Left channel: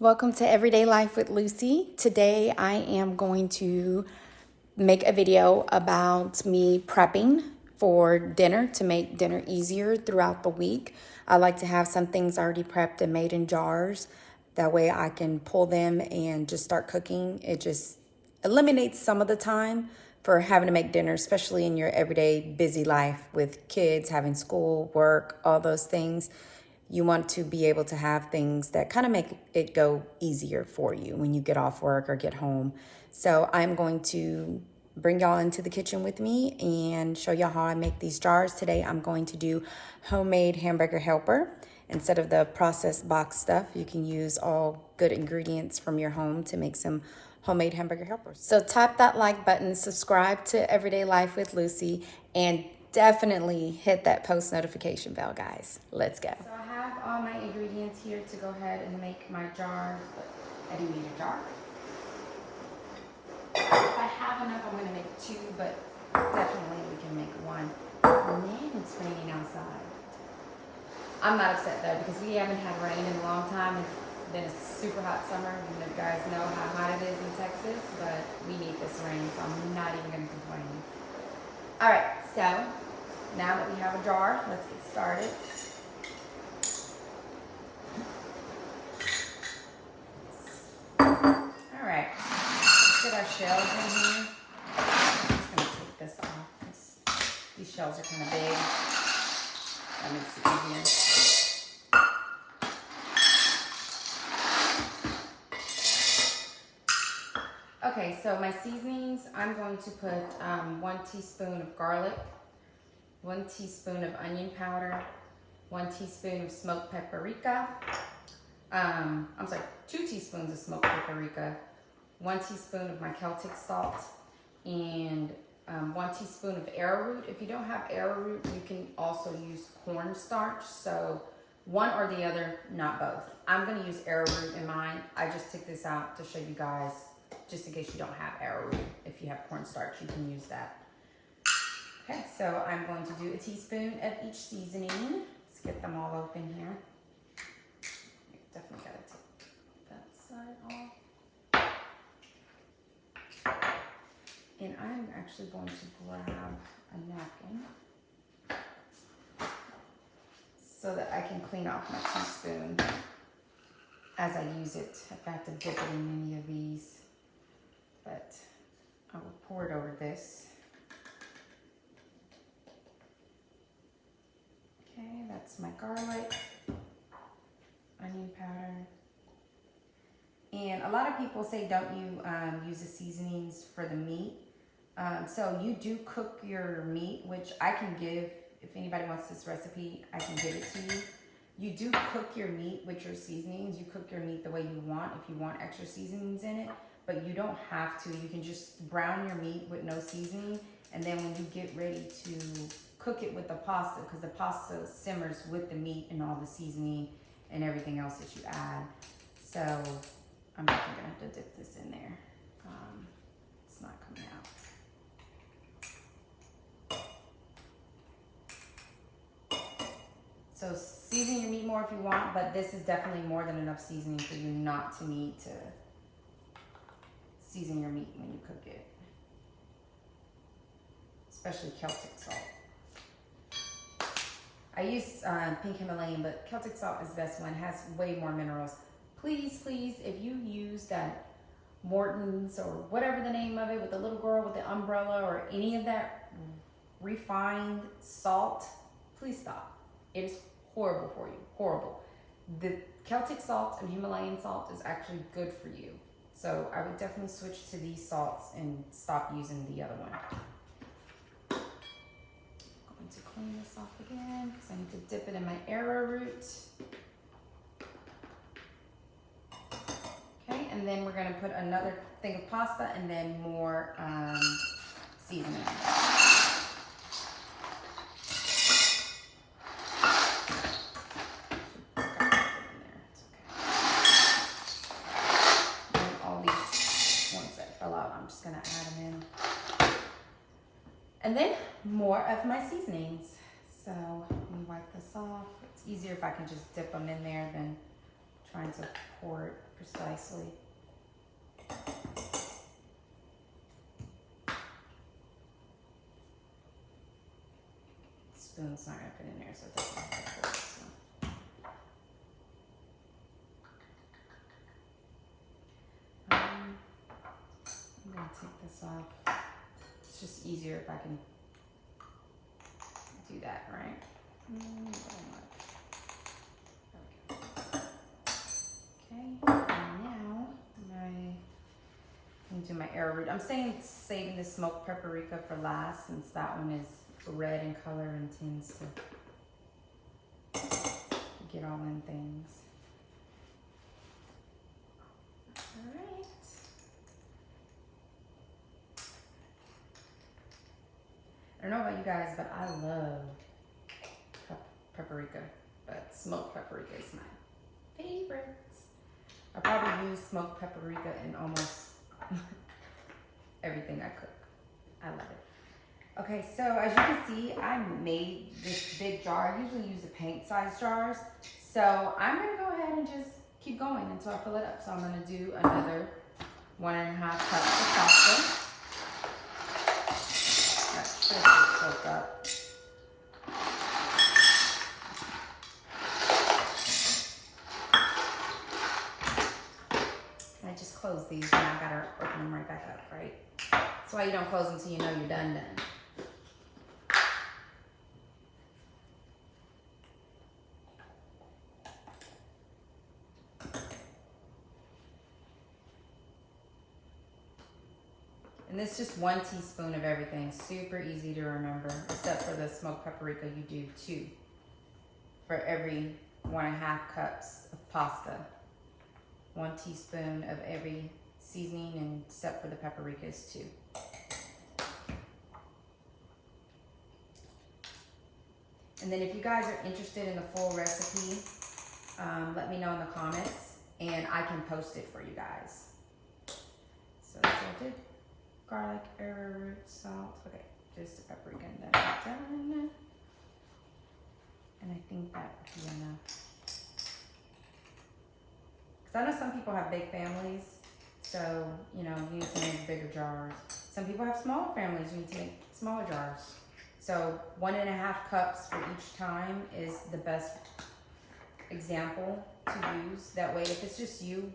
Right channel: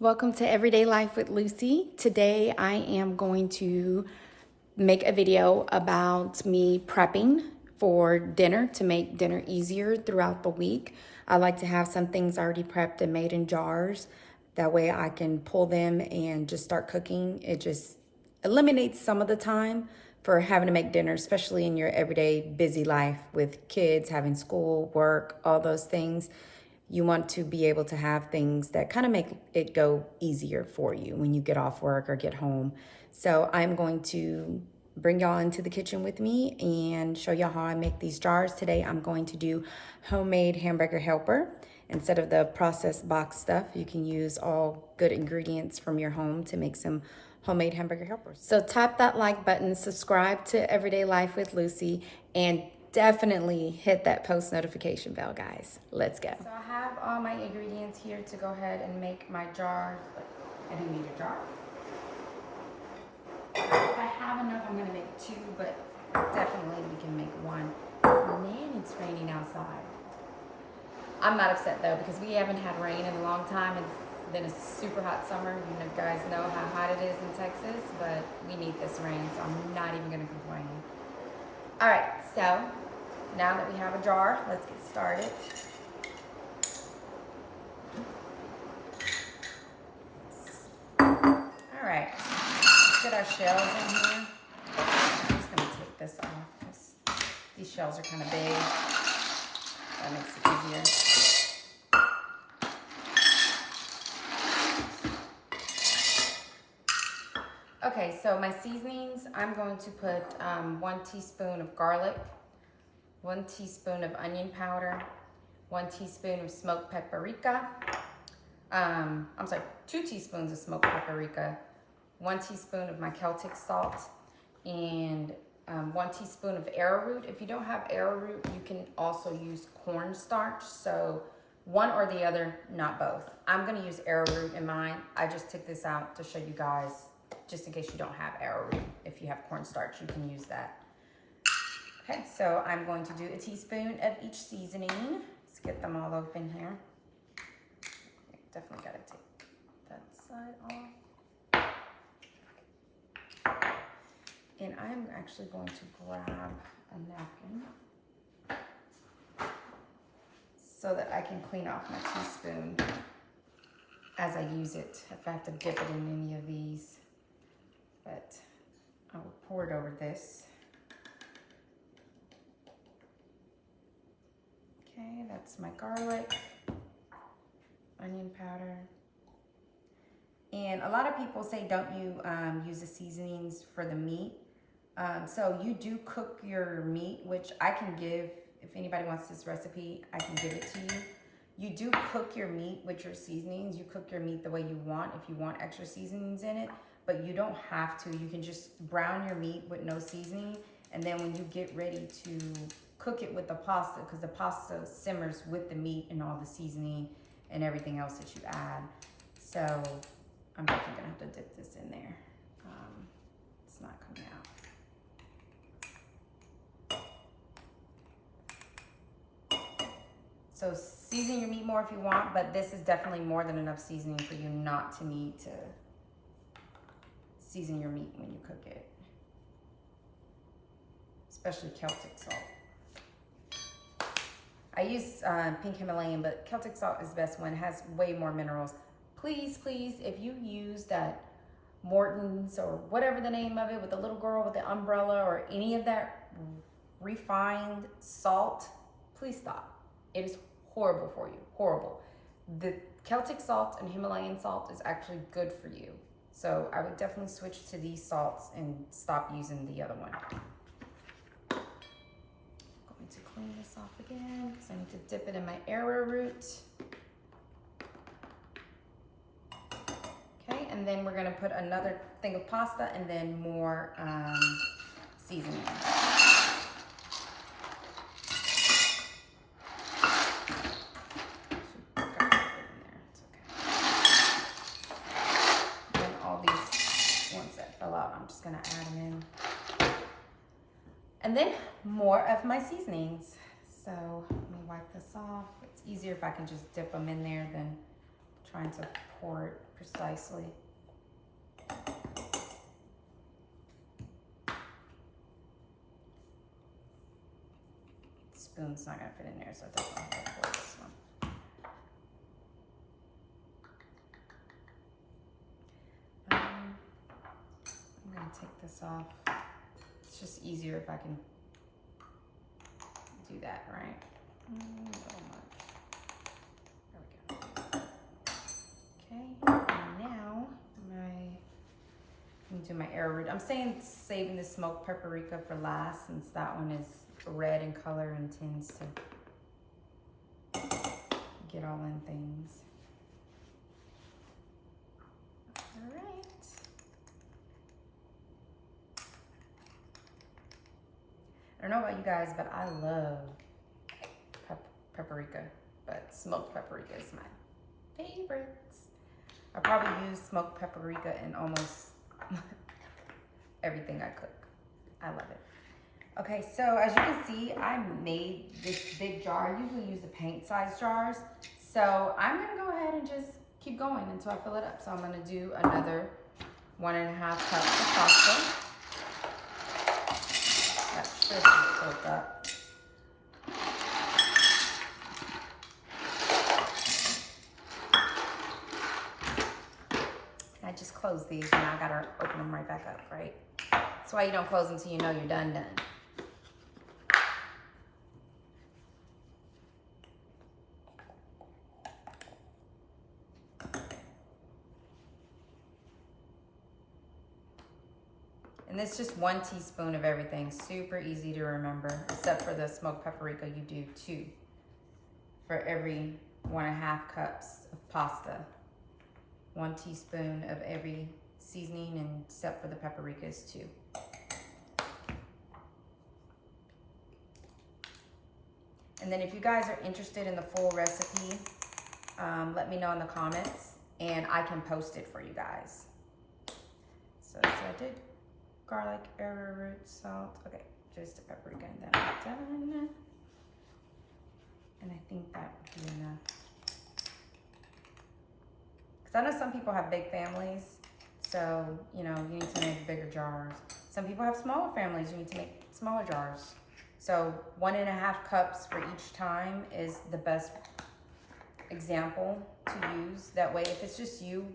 Welcome to Everyday Life with Lucy. Today I am going to make a video about me prepping for dinner to make dinner easier throughout the week. I like to have some things already prepped and made in jars. That way I can pull them and just start cooking. It just eliminates some of the time for having to make dinner, especially in your everyday busy life with kids, having school, work, all those things. You want to be able to have things that kind of make it go easier for you when you get off work or get home. So I'm going to bring y'all into the kitchen with me and show y'all how I make these jars. Today I'm going to do homemade hamburger helper. Instead of the processed box stuff, you can use all good ingredients from your home to make some homemade hamburger helpers. So tap that like button, subscribe to Everyday Life with Lucy, and definitely hit that post notification bell, guys. Let's go. So I have all my ingredients here to go ahead and make my jars, but I do need a jar. If I have enough, I'm gonna make two, but definitely we can make one. Man, it's raining outside. I'm not upset though, because we haven't had rain in a long time. It's been a super hot summer. You guys know how hot it is in Texas, but we need this rain, so I'm not even gonna complain. All right, so now that we have a jar, let's get started. All right, let's get our shells in here. I'm just gonna take this off because these shells are kind of big. That makes it easier. Okay, so my seasonings, I'm going to put 1 teaspoon of garlic, 1 teaspoon of onion powder, 1 teaspoon of smoked paprika, 2 teaspoons of smoked paprika, 1 teaspoon of my Celtic salt, and 1 teaspoon of arrowroot. If you don't have arrowroot, you can also use cornstarch. So one or the other, not both. I'm gonna use arrowroot in mine. I just took this out to show you guys, just in case you don't have arrowroot. If you have cornstarch, you can use that. Okay, so I'm going to do a teaspoon of each seasoning. Let's get them all open here. Definitely gotta take that side off. And I'm actually going to grab a napkin so that I can clean off my teaspoon as I use it, if I have to dip it in any of these. But I will pour it over this. Okay, that's my garlic, onion powder. And a lot of people say don't you use the seasonings for the meat. So you do cook your meat, which I can give, if anybody wants this recipe, I can give it to you. You do cook your meat with your seasonings. You cook your meat the way you want if you want extra seasonings in it, but you don't have to. You can just brown your meat with no seasoning, and then when you get ready to cook it with the pasta, because the pasta simmers with the meat and all the seasoning and everything else that you add. So I'm definitely gonna have to dip this in there. It's not coming out. So season your meat more if you want, but this is definitely more than enough seasoning for you not to need to season your meat when you cook it. Especially Celtic salt. I use pink Himalayan, but Celtic salt is the best one. It has way more minerals. Please, please, if you use that Morton's or whatever the name of it with the little girl with the umbrella or any of that refined salt, please stop. It is horrible for you, horrible. The Celtic salt and Himalayan salt is actually good for you. So I would definitely switch to these salts and stop using the other one. I'm going to clean this off again because I need to dip it in my arrowroot. Okay, and then we're gonna put another thing of pasta and then more seasoning. I'm just gonna add them in. And then more of my seasonings. So let me wipe this off. It's easier if I can just dip them in there than trying to pour it precisely. Spoon's not gonna fit in there, so I definitely have to pour this one. I'm gonna take this off. It's just easier if I can do that, right? A little much. There we go. Okay, and now I'm gonna do my arrowroot. I'm saving the smoked paprika for last, since that one is red in color and tends to get all in things. All right. I don't know about you guys, but I love paprika, but smoked paprika is my favorites. I probably use smoked paprika in almost everything I cook. I love it. Okay, so as you can see, I made this big jar. I usually use the paint-sized jars. So I'm gonna go ahead and just keep going until I fill it up. So I'm gonna do another 1.5 cups of pasta. That should be filled up. I just closed these and now I gotta open them right back up, right? That's why you don't close until you know you're done. And it's just 1 teaspoon of everything. Super easy to remember, except for the smoked paprika, you do 2 for every 1.5 cups of pasta. 1 teaspoon of every seasoning, and except for the paprika is 2. And then if you guys are interested in the full recipe, let me know in the comments and I can post it for you guys. So I did garlic, arrowroot, salt. Okay, just the paprika and then I'm done. And I think that would be enough. Because I know some people have big families, so you know, you need to make bigger jars. Some people have smaller families, you need to make smaller jars. So 1.5 cups for each time is the best example to use. That way, if it's just you,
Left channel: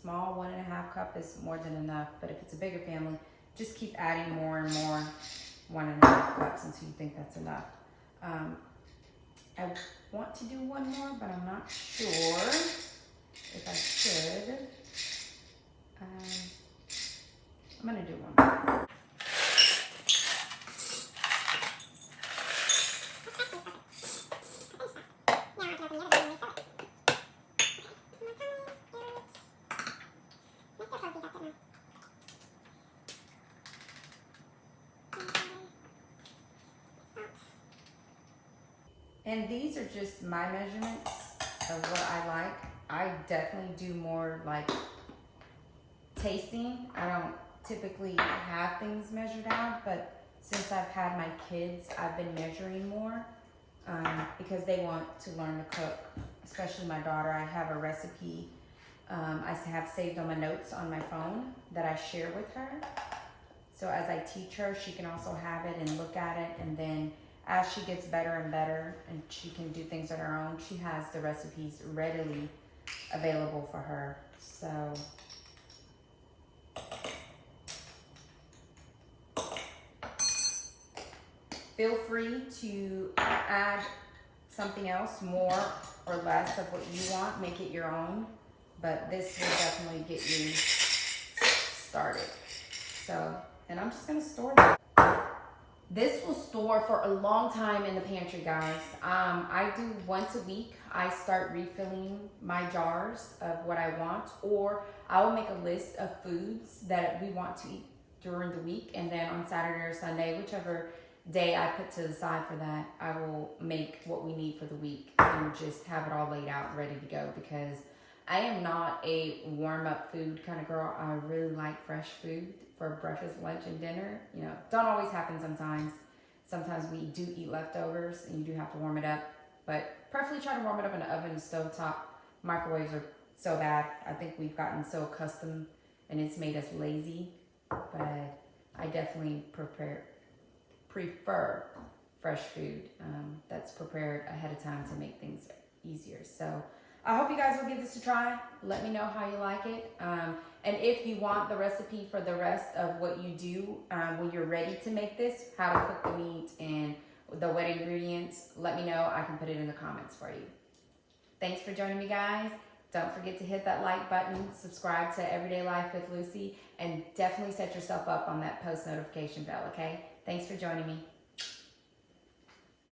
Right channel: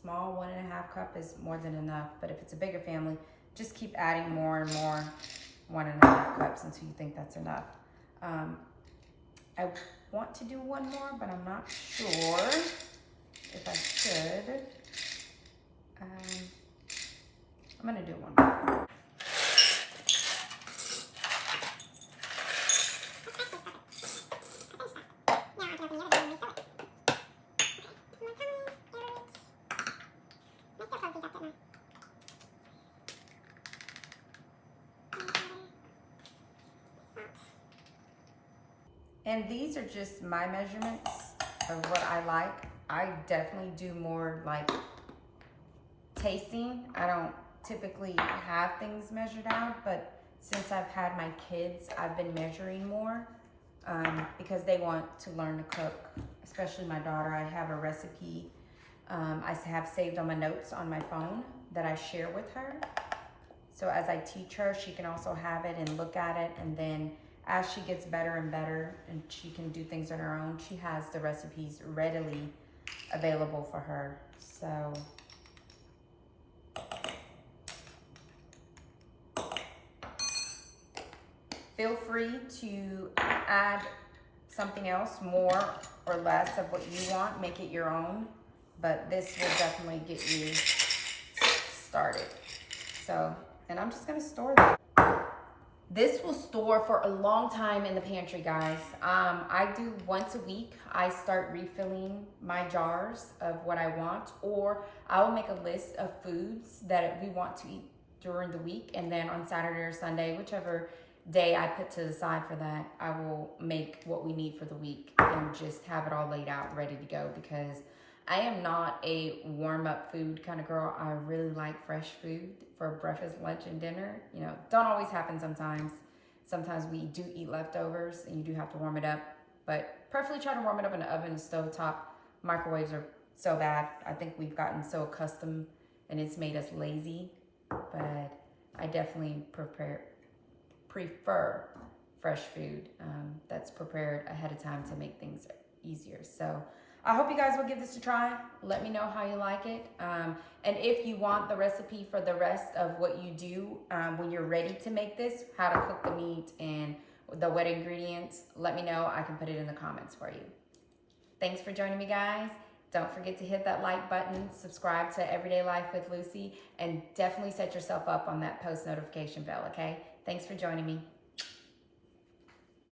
small 1.5 cup is more than enough. But if it's a bigger family, just keep adding more and more 1.5 cups until you think that's enough. I want to do one more, but I'm not sure if I should. I'm gonna do one more. And these are just my measurements of what I like. I definitely do more like tasting. I don't typically have things measured out, but since I've had my kids, I've been measuring more because they want to learn to cook, especially my daughter. I have a recipe I have saved on my notes on my phone that I share with her. So as I teach her, she can also have it and look at it, and then as she gets better and better and she can do things on her own, she has the recipes readily available for her. So feel free to add something else, more or less of what you want, make it your own, but this will definitely get you started. So, and I'm just gonna store that. This will store for a long time in the pantry, guys. I do once a week, I start refilling my jars of what I want, or I will make a list of foods that we want to eat during the week, and then on Saturday or Sunday, whichever day I put to the side for that, I will make what we need for the week and just have it all laid out, ready to go, because I am not a warm-up food kind of girl. I really like fresh food for breakfast, lunch, and dinner. You know, don't always happen sometimes. Sometimes we do eat leftovers and you do have to warm it up, but preferably try to warm it up in the oven, stove top, Microwaves are so bad. I think we've gotten so accustomed and it's made us lazy. But I definitely prefer fresh food that's prepared ahead of time to make things easier. So I hope you guys will give this a try. Let me know how you like it. And if you want the recipe for the rest of what you do when you're ready to make this, how to cook the meat and the wet ingredients, let me know. I can put it in the comments for you. Thanks for joining me, guys. Don't forget to hit that like button, subscribe to Everyday Life with Lucy, and definitely set yourself up on that post notification bell, okay? Thanks for joining me.